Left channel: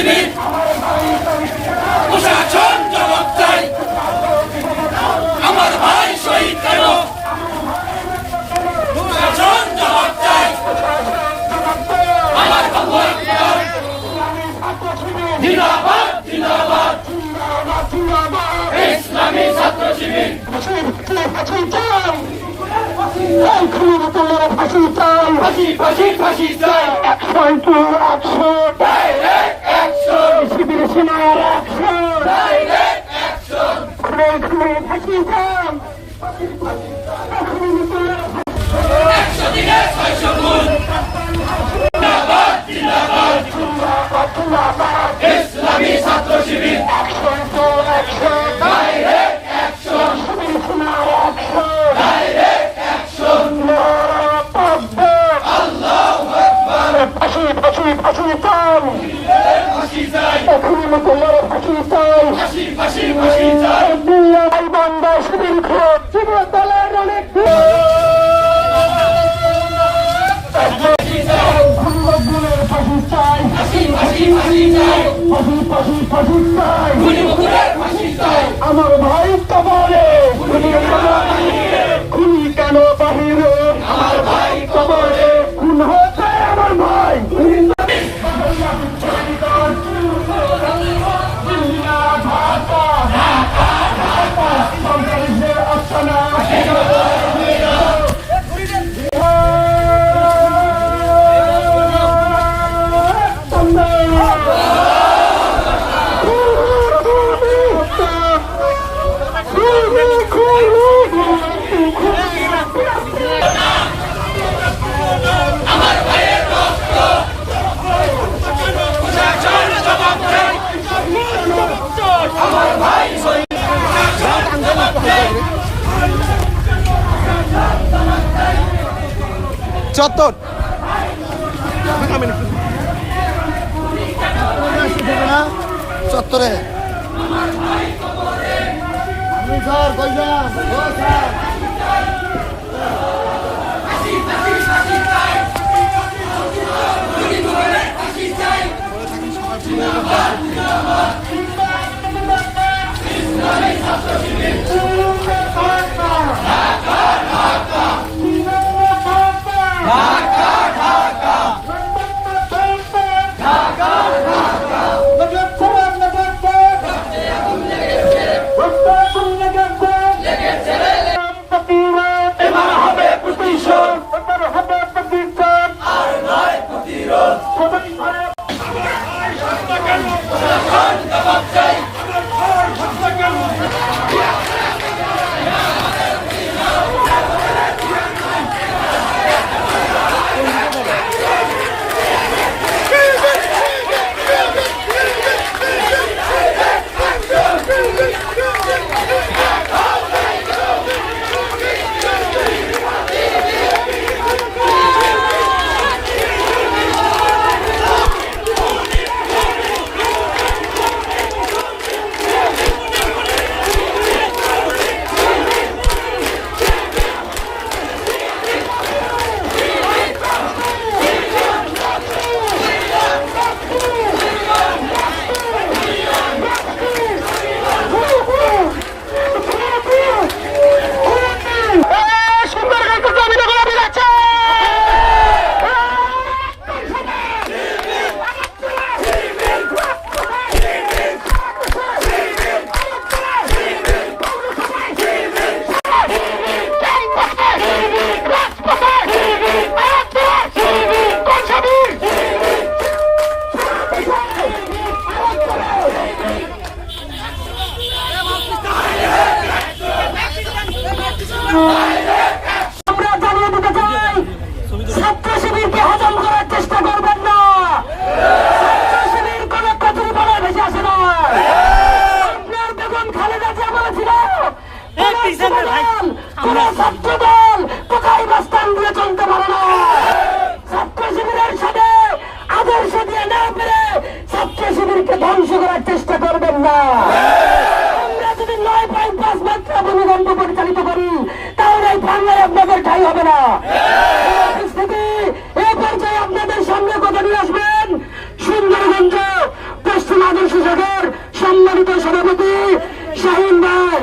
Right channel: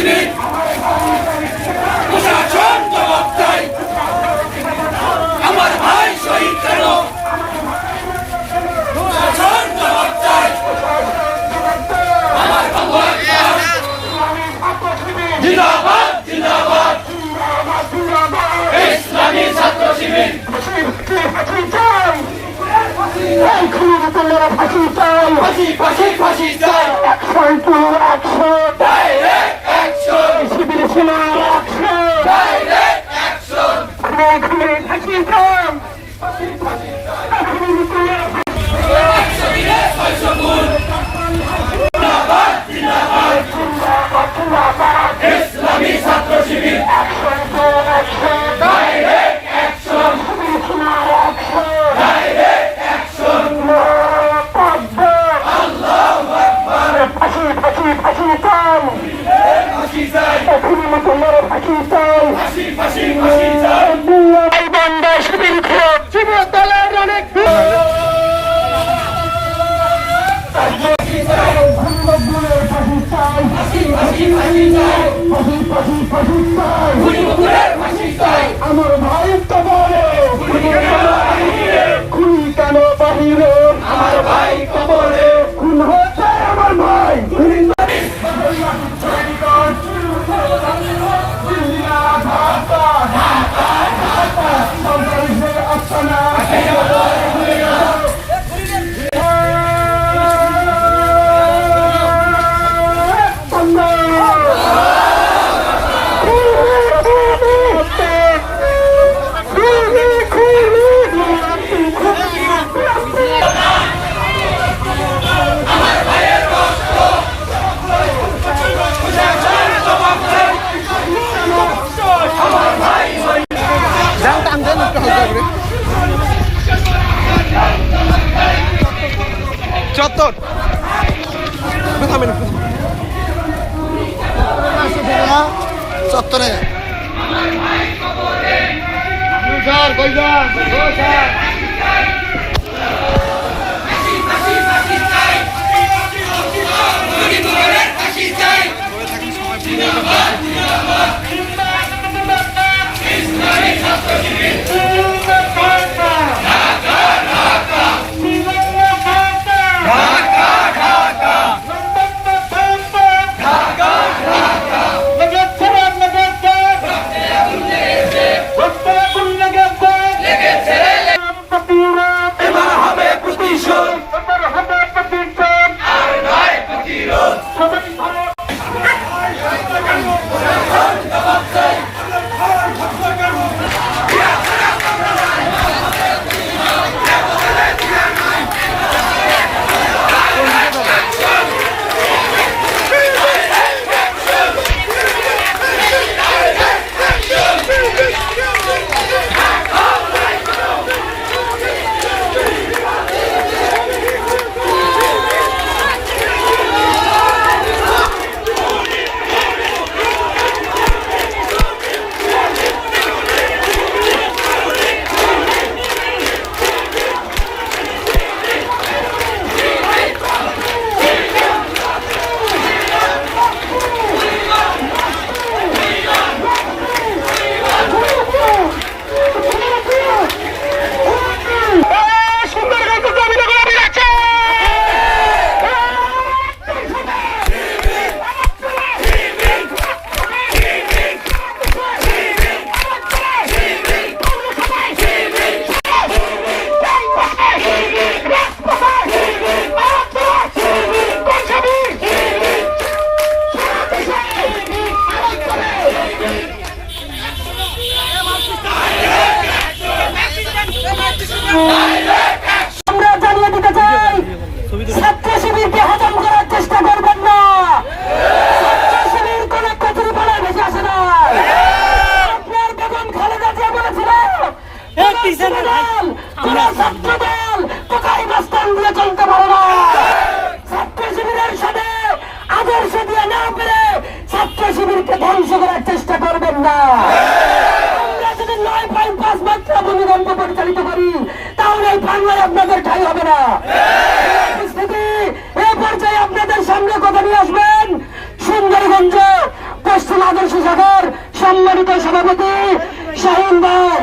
শিবির প্রশাসন জবাব চাই আমার ভাই শহীদ কেন প্রশাসন জবাব চাই আমার জিন্দাবাদ জিন্দাবাদ ইসলামী ছাত্র শিবির ফাঁসি ফাঁসি ফাঁসি চাই শিবির ছিল ফাঁসি চাই ইসলামী ছাত্র শিবির ডাইরেক্ট অ্যাকশন ডাইরেক্ট অ্যাকশন আল্লাহু আকবার ফাঁসি ফাঁসি ফাঁসি চাই ফাঁসি চাই এখনই মুকুল্লার ফাঁসি চাই ফাঁসি ফাঁসি ফাঁসি চাই এই বান্দা শিবির যুব দলের অনেক আমার ভাই কবরে খুনি কেন বাহিরে আমার ভাই কবরে খুন হচ্ছে আমার ভাই চত্বর চত্বরে আমরা জানিয়ে দিতে চাই ছাত্র শিবিরকে হজম করার চেষ্টা করবেন না। ছাত্র শিবির কোন প্রতিফলে ভেসে আসে না। আপনার বেগম খালেদা জিয়া বলেছিল ছাত্র দল কোথায় বাস্তান দিয়ে চলতে পারে না। ছাত্র শিবিরের সাথে আদর্শ দিয়ে না পেরে ছাত্র শিবিরকে ধ্বংস করার চেষ্টা করবেন না। আমরা যদি 9.5 মাত্রা ভূমিকম্প পরিচালিত করি তাহলে এই বাংলায় আপনাদের ঠাঁই হবে না। এই পর্যায়ে আপনাদের সামনে কথা নিয়ে আসবেন সুন্দরগঞ্জ সম্মানিত সভাপতি শাহিন ভাই।